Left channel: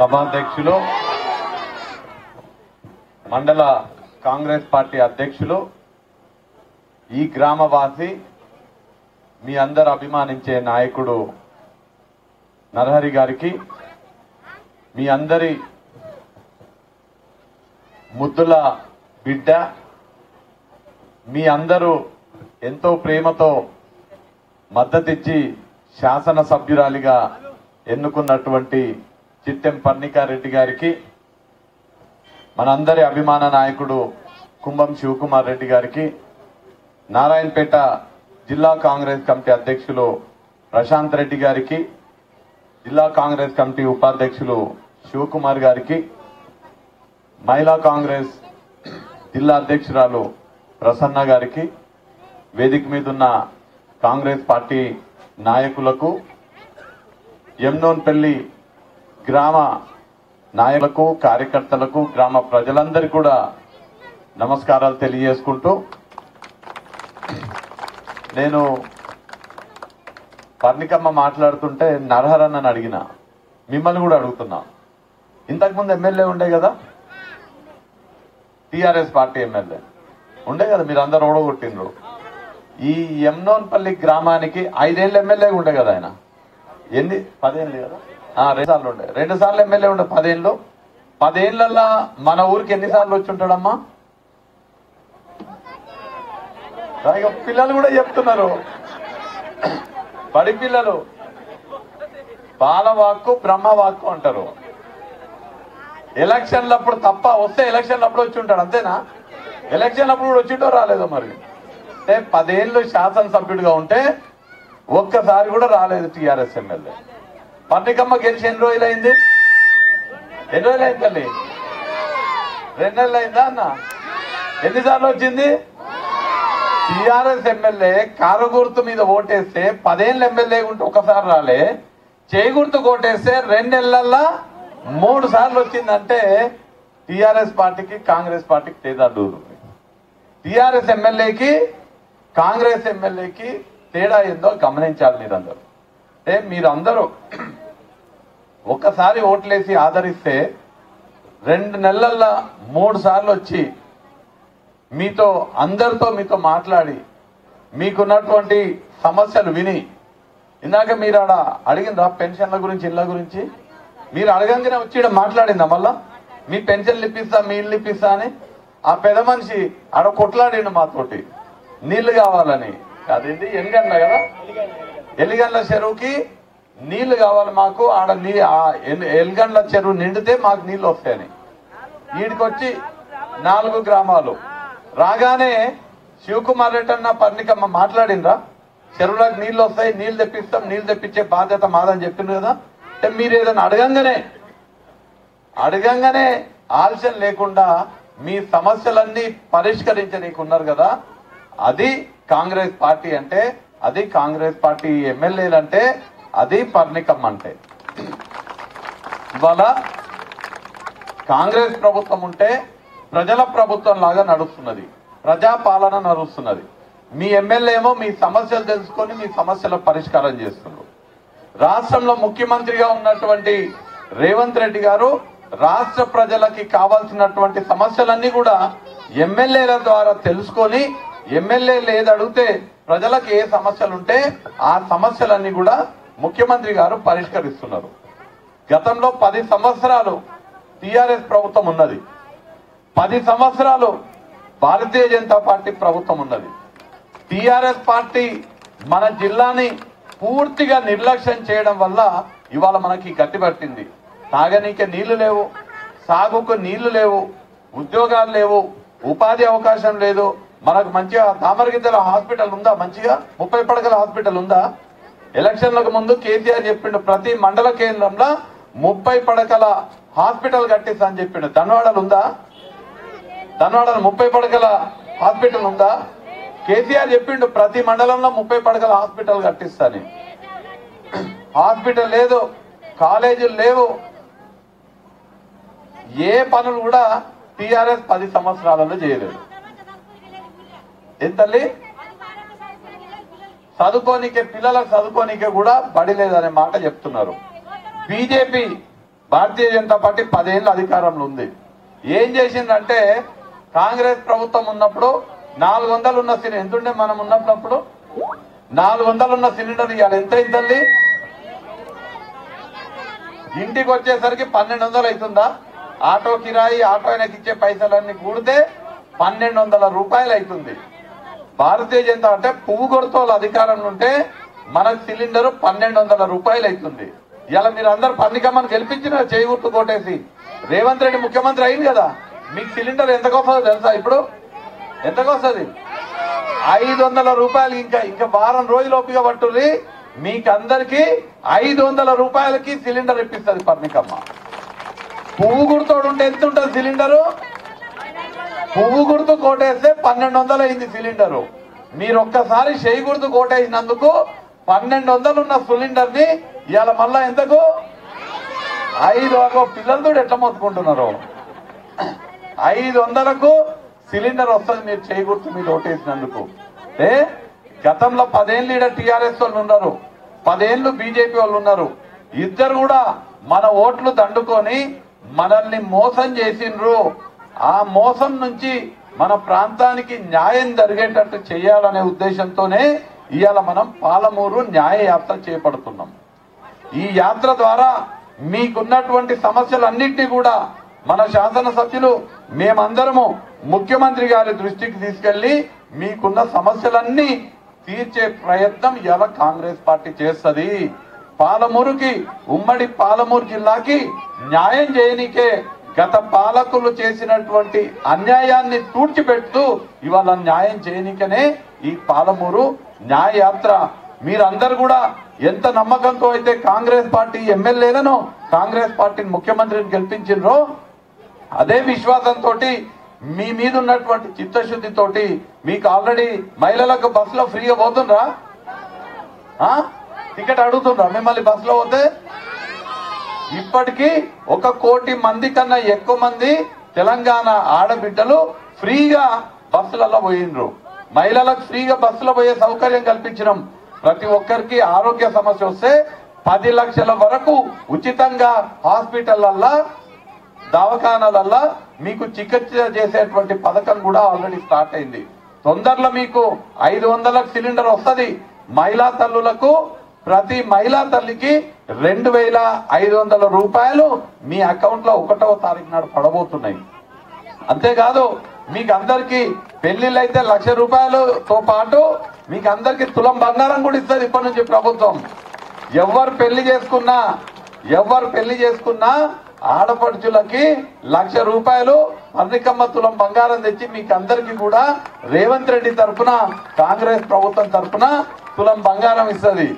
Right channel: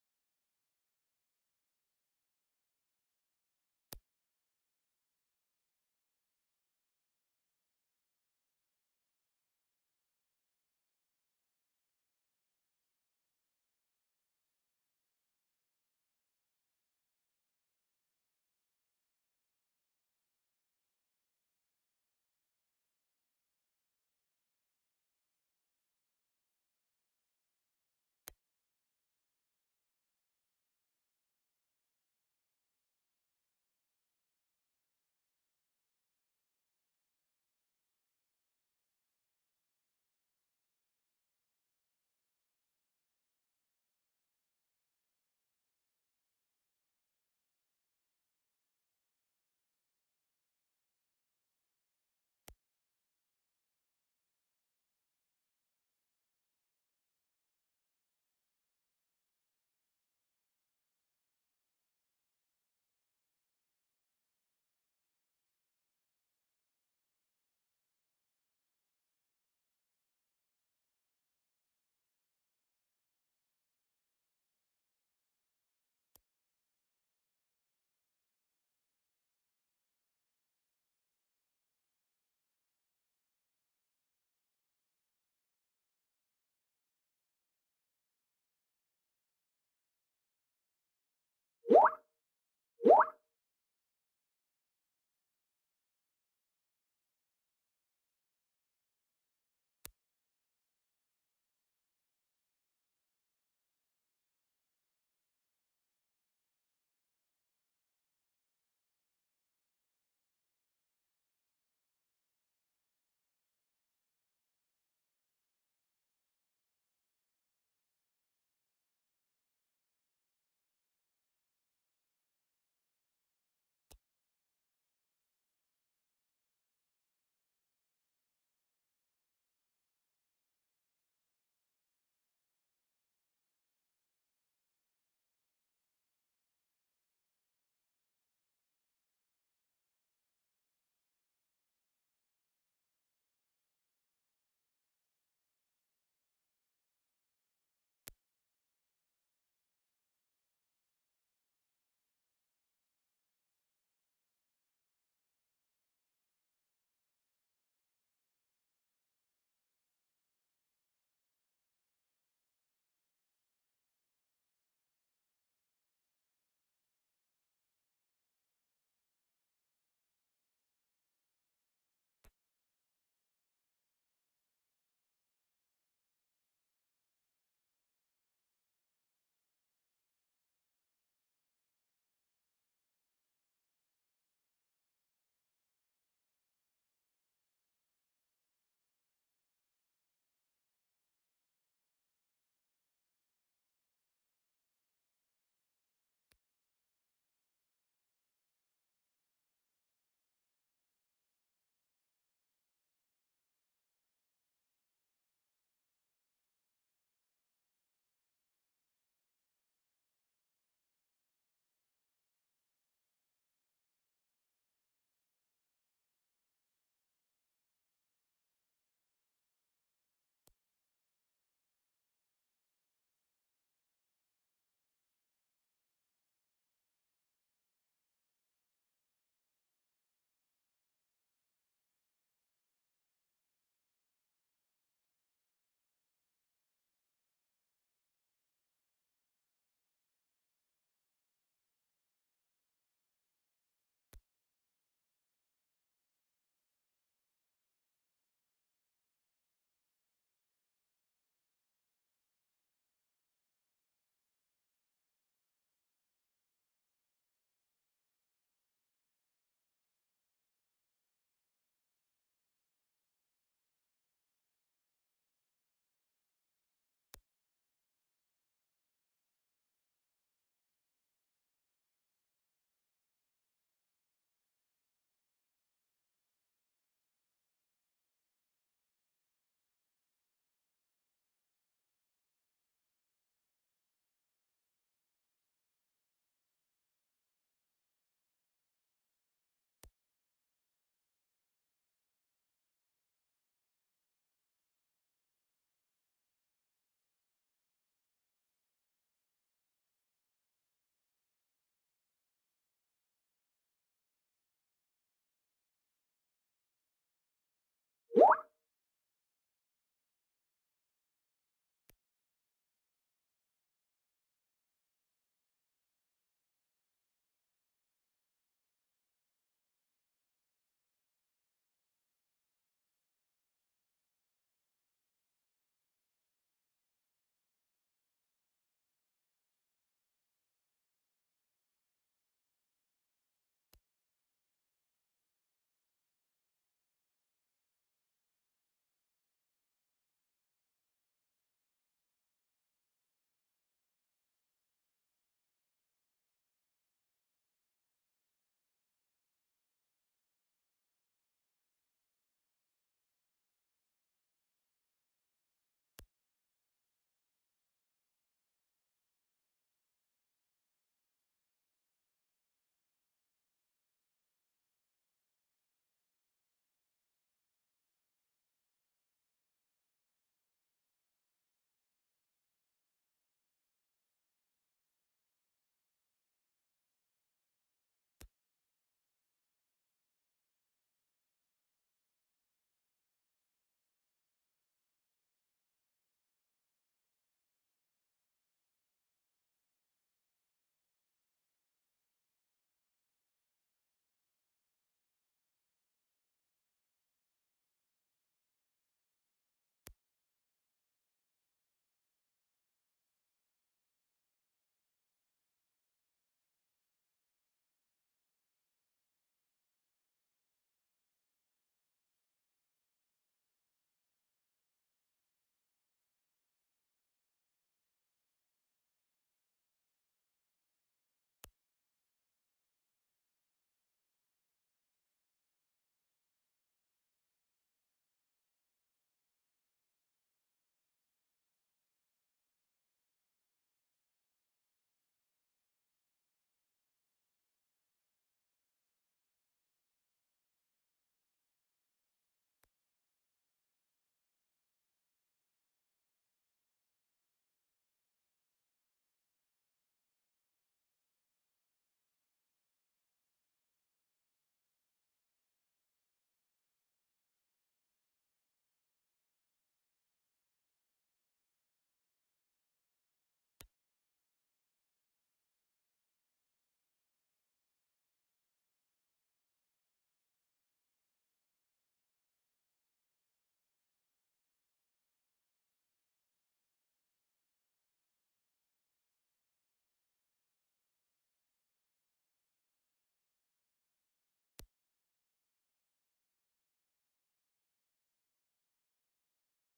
సభాధ్యక్షులు, మండల కాంగ్రెస్ పార్టీ అధ్యక్షులు, ఈ గ్రామవాసి, మీ అందరు అభిమానించే నాయకుడు నరహరి గారికి, మీ అందరి ముద్దుల బిడ్డ, మీ అందరూ ఎంతో ప్రేమతో మద్దతిచ్చి శాసనసభ్యురాలిగా ఎన్నుకున్నటువంటి చిట్టెం పర్ణికారెడ్డి గారికి, మనందరి అభిమాన నాయకుడు కుంభం శివకుమార్ రెడ్డి గారికి, నారాయణపేట జిల్లా కాంగ్రెస్ కమిటీ అధ్యక్షులు ప్రశాంత్ రెడ్డి గారికి, జిల్లా కాంగ్రెస్ కమిటీ ఉపాధ్యక్షులు శివకుమార్ గారికి, మహిళా కాంగ్రెస్ జిల్లా అధ్యక్షురాలు ప్రసన్న గారికి, వేదిక మీదున్న కాంగ్రెస్ పార్టీ నాయకులకు, యమ్నోన్పల్లి గ్రామ నాయకులకు, కార్యకర్తలకు, గ్రామ ప్రజలందరికీ కూడా నమస్కారాలు తెలియజేసుకుంటూ, నేను పర్ణికమ్మ మాట్లాడుతుంటే నరహరన్నని అడిగిన, మిమ్మల్ని కూడా అడుగుతున్నా. ఇంతకుముందు ఎమ్మెల్యే ఉండే కదా, టీఆర్ఎస్ పార్టీ ఎమ్మెల్యే ఉండే కదా, మీరు అందరు ఓడగొట్టిండ్రు. ఈ యమ్నోన్పల్లి గ్రామానికి 5 ఏళ్ళు ఎమ్మెల్యే ఉండే కదా ఆయన. 10 ఏళ్ళు కదా, 2 సార్లు ఉండే, 2 సార్లు ఎమ్మెల్యే ఉండే. 10 ఏళ్ళు, 10 ఏళ్లలో మన ఊరికి ఎన్నిసార్లు వచ్చి ఉంటాడమ్మా? పిల్లలు కూడా చెప్తున్నారు, బడి పిల్లలు బాలవాక్కు బ్రహ్మవాక్కు అంటారు. ఎలక్షన్లప్పుడు తప్ప, వస్తే ఎలక్షన్లప్పుడు వచ్చి ఉంటాడు అంతేనా? ఎలక్షన్లప్పుడు కూడా వచ్చింటో రాలేదో మరి? అంటే 10 ఏళ్ళు శాసనసభ్యుడిగా ఉంటే ఒక్కసారి కూడా రాలేదు టీఆర్ఎస్ ఎమ్మెల్యే. పర్ణికమ్మ గెలిచి ఎన్ని రోజులైంది? ఎన్ని రోజులైంది తల్లి? 2 నెలలు అయిందా అన్న? ఎన్నిసార్లు వచ్చింది? టీఆర్ఎస్ ఎమ్మెల్యే కారు గుర్తు మీద ఓటేస్తే 10 ఏళ్ళు ఎమ్మెల్యే ఉంటే ఒకసారి రాలే, చేయి గుర్తు ఓటేస్తే 2 నెలల్లో 3 సార్లు వచ్చిందంటే టీఆర్ఎస్ పార్టీకి కాంగ్రెస్ పార్టీకి తేడా దూరం. టీఆర్ఎస్ ఎమ్మెల్యేకి కాంగ్రెస్ ఎమ్మెల్యేకి తేడా ఏందో గమనించాలి మీరందరూ. అంటే మీరందరూ ఒక్కసారి ఓట్లేసి ఆదరిస్తే 2 నెలల్లో 3 సార్లు వచ్చి మీతో మీతో మాట్లాడి మీకున్నటువంటి సమస్యలు విని, ఇందాక మీరు ఆడ అడిగిందా పెన్షన్ల గురించి, ఇళ్ల గురించి? మీరు అడగంగానే వచ్చి ఇక్కడ మాట్లాడిందా మళ్ళా మీ పెన్షన్లు ఇప్పిస్తా, మీ ఇల్లు ఇప్పిస్తా అని? ఆ పెద్ద మనిషి ఆడ కొట్లాడిండు మాతోటి, నీళ్లు కావాలని. అదేంటి ఎలిగండ్ల కదా, ఎలిగండ్ల చెరువుకి నీళ్లు కావాలి మాకు, ఆడ ఎలిగండ్ల చెరువు నిండితే మాకు నీళ్లు వస్తాయని. వీడికొచ్చి 4 గ్రామాలు రాగానే శివకుమార్ రెడ్డి అన్న పర్ణికమ్మ మాట్లాడిందా? చెరువులకు నీళ్లు వస్తాయి, నీళ్లు తెప్పిస్తాం, నీళ్లు తెప్పించే బాధ్యత మాదని చెప్పింది కదా. అంటే మీరు ఏదైనా అడగంగానే ఆలస్యం లేకుండా మీ సమస్యలన్నీ పరిష్కరించనీకున్నారు కదా, అది కాంగ్రెస్ పార్టీ అంటే, అది కాంగ్రెస్ పార్టీ ఎమ్మెల్యేలు అంటే, అది పర్ణికమ్మ అంటే. ఇవాళ కాంగ్రెస్ ప్రభుత్వం ఉంటే ప్రజల ప్రభుత్వం లాగా నడుస్తున్నది, ప్రజాపాలన నడుస్తున్నది. మీ ఎమ్మెల్యే ఏమో మీ సమస్యలు తెలుసుకొని మీ సమస్యల పరిష్కారం చేస్తున్నారు. రాష్ట్రంలో ముఖ్యమంత్రిగా ఉన్నటువంటి రేవంత్ రెడ్డి గారు రాష్ట్ర ప్రజలకి కావాల్సినటువంటి సమస్యలన్నీ కూడా ఎమ్మెల్యేల ద్వారా తెలుసుకొని, ఎమ్మెల్యేలు ఏది అడిగితే ప్రజలకు ఏ సమస్యలు ఉంటే ఆ సమస్యలన్నీ కూడా ముఖ్యమంత్రి గారు పరిష్కరిస్తున్నారు. గతంలో 10 సంవత్సరాలు టీఆర్ఎస్ ప్రభుత్వం ఉన్నది, 10 సంవత్సరాలు భారతీయ జనతా పార్టీ ప్రభుత్వం ఉన్నది. టీఆర్ఎస్ పార్టీ మన జిల్లాని పూర్తిగా నిర్లక్ష్యం చేయడం వల్ల ఇవాళ మనకి గట్టిపట్టింది. తాగనీకే నీళ్లు లేవు, సాగుకు నీళ్లు లేవు, ఉద్యోగాలు లేవు, ఉపాధి అవకాశం లేదు. మనకు మంచిగా తామరగిద్దల హాస్పిటల్ ఉందా? మంచిగా 30 పడకల హాస్పిటల్ ఉందా? ఎలక్షన్లకు ముందు కేసీఆర్ చెప్పిండు ప్రతి మండల కేంద్రంలో 30 పడకల హాస్పిటల్ కట్టిస్తా అని చెప్పిండు. ధన్వాడలు ఉందా? ధన్వాడలో 30 పడకల హాస్పిటల్ ఉందా? కేసీఆర్ చెప్పిండు ప్రతి మండలంలో 30 పడకల హాస్పిటల్ కట్టిస్తాని. హాస్పిటల్ లేదు, కాలేజీలు లేవు, ఏ పనులు కూడా టీఆర్ఎస్ 10 సంవత్సరాలలో చేయలేదు. ఎంతల్లి చదువుకోనికే, పిల్లలకు చదువుకోనికే కూడా బడి లేదనే మాట చెప్తున్నారు. బీజేపీ భారతీయ జనతా పార్టీ 10 ఏళ్ళు అధికారంలో ఉంది. ఏం చేసిందంటే కాంగ్రెస్ ప్రభుత్వం ఉన్నప్పుడు 400 ఉన్న సిలిండర్ ఎంతుండే, మనం ఉన్నప్పుడు 400 ఉన్న సిలిండర్ ఇవాళ ఎంత అయిందండి? ఇంటికి వచ్చేసరికి 1200 అవుతుందా? ఆటో కిరాయి, ఆటో ఆయనకి ఇచ్చే పైసలన్నీ కూడితే 1200 రూపాయలు అవుతుంది. భారతీయ జనతా అంటే పువ్వు గుర్తోళ్ళ అధికారంలో ఉంటే మనకు సిలిండర్ 1200 రూపాయలు అవుతుంది. ఇలా మీరు అందరు పన్నికమ్మని గెలిపించిన చేయి గుర్తు కొట్టేసి రేవంత్ రెడ్డి ముఖ్యమంత్రి అయింది కదా, మీకు సిలిండర్ ఎంతకొస్తుందో తెలుసా? ఇప్పుడు ఎంతకొస్తుంది? 500 రూపాయలు. ఇంకా వారం రోజులు ఓపిక పట్టుర్రి, మీకందరికి 500 రూపాయలకి సిలిండర్ ఇప్పిస్తుంది పర్ణికమ్మ. పువ్వు గుర్తోడు ఉంటే ఎంత ఉంటుంది సిలిండరు? పువ్వు గుర్తు కోటేస్తే 1200 అయింది సిలిండరు. మీరు ఒక్కసారి చేయి గుర్తు కోటేసినందుకు 1200 ఉన్న సిలిండర్ ని ఇవాళ మళ్ళా ఎంతకు 500. పిల్లలతో ఎట్లా మొత్తుకుంటున్నారు? 500కు సిలిండర్ వస్తుంది మీరు చేయి గుర్తు మీద ఓటేసినందుకు. గతంలో 10 ఏళ్ళు ఈడ టీఆర్ఎస్ వాళ్ళు ఉన్నారు, 10 ఏళ్ళు బీజేపీ వాళ్ళు ఉన్నారు. ఇద్దరు కూడా మన ఓట్లు దండుకొని మనల్ని మోసం చేసిండ్రు. ఆ మోసం నుంచి మన ప్రాంతానికి న్యాయం జరిగేటట్టు చేయాలనే ఉద్దేశంతోనే ఇవాళ మనం పాలమూరు న్యాయ యాత్ర చేపడుతున్నాం. ఈ యాత్ర ద్వారా మీకున్నటువంటి సమస్యలన్నింటినీ కూడా మన శాసనసభ్యులు మేమందరము ముఖ్యమంత్రి గారి దృష్టికి తీసుకెళ్లి మీకున్న సమస్యలన్నీ తీర్చే ప్రయత్నం ఇవాళ కాంగ్రెస్ పార్టీ చేస్తుంది. పాలమూరుకి, ఉమ్మడి పాలమూరు జిల్లాకి న్యాయం చేయనికే గత పాలకులు చేసినటువంటి అన్యాయాన్ని తూడ్చిపెడుతూ ఇవాళ న్యాయం చేయనికనే ఈ పాలమూరు న్యాయ యాత్ర. మీరందరూ కూడా ఎంత నమ్మకంతో అయితే కాంగ్రెస్ పార్టీ ఎమ్మెల్యేలను, కాంగ్రెస్ పార్టీని ముఖ్యమంత్రిని గెలిపించిండ్రో అదే విశ్వాసంతో మీ మీద ఉన్నటువంటి చిత్తశుద్ధితోటి మీకు ఆల్రెడీ మహిళలకు బస్సులో ఫ్రీగా పోతుండ్రా? టికెట్ అడుగుతుండ్రా మిమ్మల్ని బస్సులో పోతే? ఇప్పటికీ 1 కోటి మంది కన్నా ఎక్కువ మంది తెలంగాణ ఆడబిడ్డలు ఫ్రీగా బస్సులలో పోయిండ్రు. మహిళలకు ఫ్రీగా బస్సులో పోయే సౌకర్యం కల్పించడం. ప్రతి ఒక్కరికి ఆరోగ్య సమస్య వస్తే 10 లక్షల వరకు ఉచితంగా హాస్పిటళ్లల్లో, దవాఖానాలల్లో మీకు చికిత్స చేసేటువంటి పథకం కూడా ఆల్రెడీ స్టార్ట్ అయింది. తొందరలో మీకు 500 సిలిండర్ వస్తుంది. మహిళా తల్లులకు ప్రతి మహిళా తల్లికి 2500 రూపాయలు మీ అకౌంట్ లో 1వ తారీఖు నాడు పడబోతున్నాయి. అంతేకాదు మీకు అందరికి పెళ్లిళ్ళు అయితే 1,00,000 రూపాయలతో పాటు మీకు అందరికి తులం బంగారం కూడా ఇస్తుంది ఇప్పటి నుంచి ప్రభుత్వం. ఎవరు పెళ్లి చేసుకున్నా ఆడపడుచులకి 1,00,000 రూపాయలు పర్ణికమ్మ తులం బంగారం తెచ్చి మీకు అందరికి కూడా రేవంత్ రెడ్డి తరఫున, కాంగ్రెస్ ప్రభుత్వం తరఫున తులం బంగారం ఇస్తుంది.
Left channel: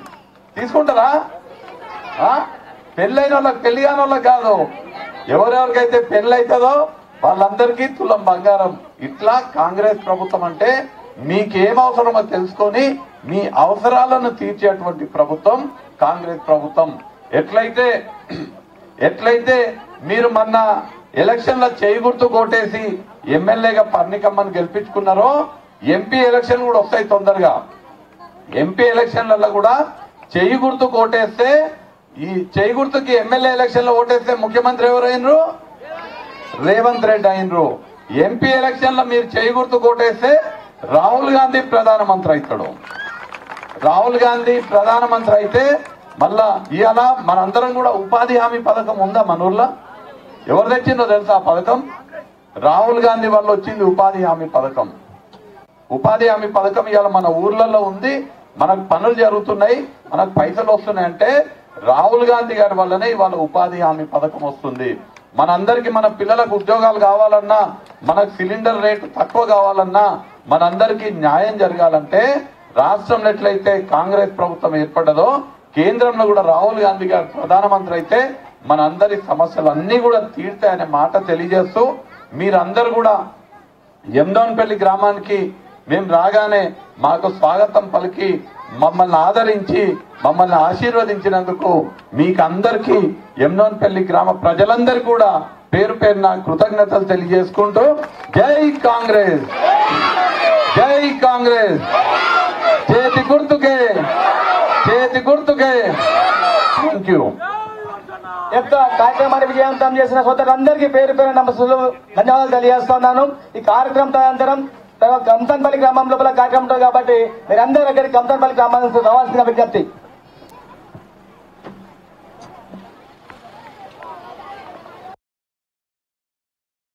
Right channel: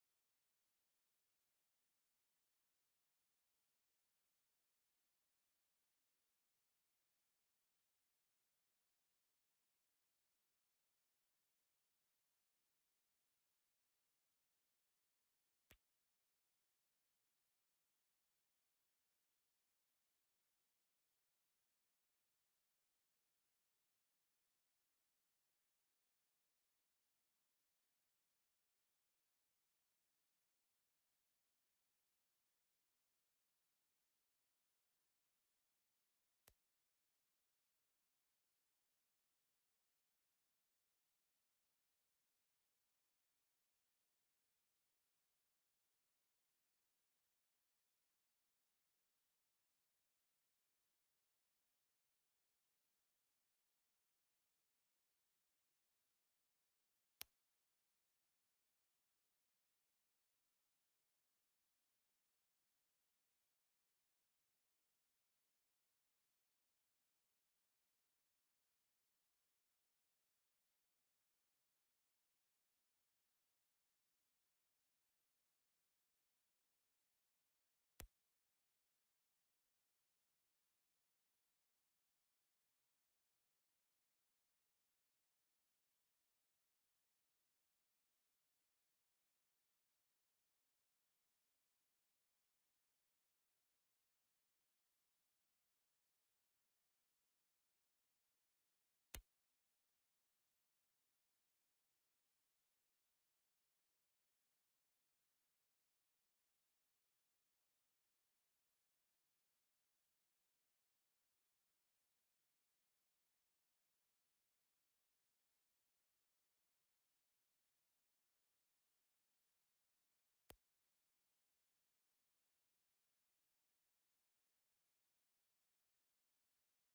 తీసుకుంటారా? పెళ్ళైన వాళ్ళకి, పెళ్లి కాని వాళ్ళకి కాదు, ఎవరెవరికైతే పెళ్లి అవుతుందో వాళ్ళందరికీ తులం బంగారం. ఇట్లా కాంగ్రెస్ ప్రభుత్వం అంటే మీకేం అవసరమో తెలుసుకొని మీ అవసరాలను తీర్చేటువంటి ప్రభుత్వం కాంగ్రెస్ ప్రభుత్వం. ఎట్లయితే మీరు మొన్న ఎలక్షన్ల చేయి గుర్తు కోటేసి ఎమ్మెల్యేగా పర్ణికమ్మని గెలిపించుకున్నారో, ఎంపీ ఎలక్షన్ కూడా వస్తాయి తొందరగా. ఎంపీ ఎలక్షన్లలో కూడా చేయి గుర్తు కోటేస్తే, ఈ చేయి గుర్తుకి ఎమ్మెల్యే ఎలక్షన్ లో ఓటేస్తే ముఖ్యమంత్రి ఎవరు అయినరు? రేవంత్ రెడ్డి అయినరు. ఎంపీ ఎలక్షన్ లో మీరు చేయి గుర్తు కోటేస్తే రాహుల్ గాంధీ ప్రధానమంత్రి అవుతాడు. రాహుల్ గాంధీ ప్రధానమంత్రి అయితే మళ్ళా ఇవాళ మనందరం కూడా ఉపాధి హామీ పథకం ఉందా మన ఊర్లో? ఎవరు తెచ్చిందో తెలుసా ఆ పథకం? రాహుల్ గాంధీ వల్ల వచ్చింది ఉపాధి హామీ పథకం. ఉపాధి హామీ పథకం ఇవాళ మన ఊర్లలో ఉంది. మనకు పనులు జరుగుతున్నాయి, మనకు పైసలు వస్తున్నాయంటే రాహుల్ గాంధీ గారి వల్లనే ఇవాళ ఉపాధి హామీ పథకం వస్తుంది. మనందరికి, మన పిల్లలకు ఉద్యోగాలు కావాలన్నా, మనకు సిలిండర్ రేటు తక్కువ కావాలన్నా, మనందరికీ న్యాయం జరగాలంటే రాష్ట్రంలో ఎట్లయితే కాంగ్రెస్ ప్రభుత్వం ఏర్పడ్డదో కేంద్రంలో కూడా రాహుల్ గాంధీ గారు ప్రధానమంత్రి అయితే మనందరి సమస్యలన్నీ కూడా తీర్తాయనే మాట తెలియజేస్తూ, మీరందరూ కూడా ఎమ్దోన్పల్లి గ్రామానికి మేము రాగానే మాకు స్వాగతం పలికి మమ్మల్ని ఆదరించి మమ్మల్ని ఆశీర్వదించినందుకు మీకు అందరికీ ఎమ్దోన్పల్లి గ్రామ ప్రజలందరికీ కూడా పేరు పేరున కృతజ్ఞతలు తెలియజేసుకుంటూ జై కాంగ్రెస్, జై కాంగ్రెస్, చేతి గుర్తుకే, చేతి గుర్తుకే. Thank you. యొక్క కార్యక్రమాన్ని విజయవంతం చేసిన సోదరులందరికీ పేరు పేరు నమస్సులు ధన్యవాదాలు తెలియజేస్తున్నాను. ఈ కార్యక్రమం తదనంతరం కంతన్పల్లి గ్రామం లోపల కార్యక్రమం ఉంటుంది కాబట్టి మీరందరూ అక్కడికి కంతన్పల్లి గ్రామానికి రావాల్సిన విజ్ఞప్తి.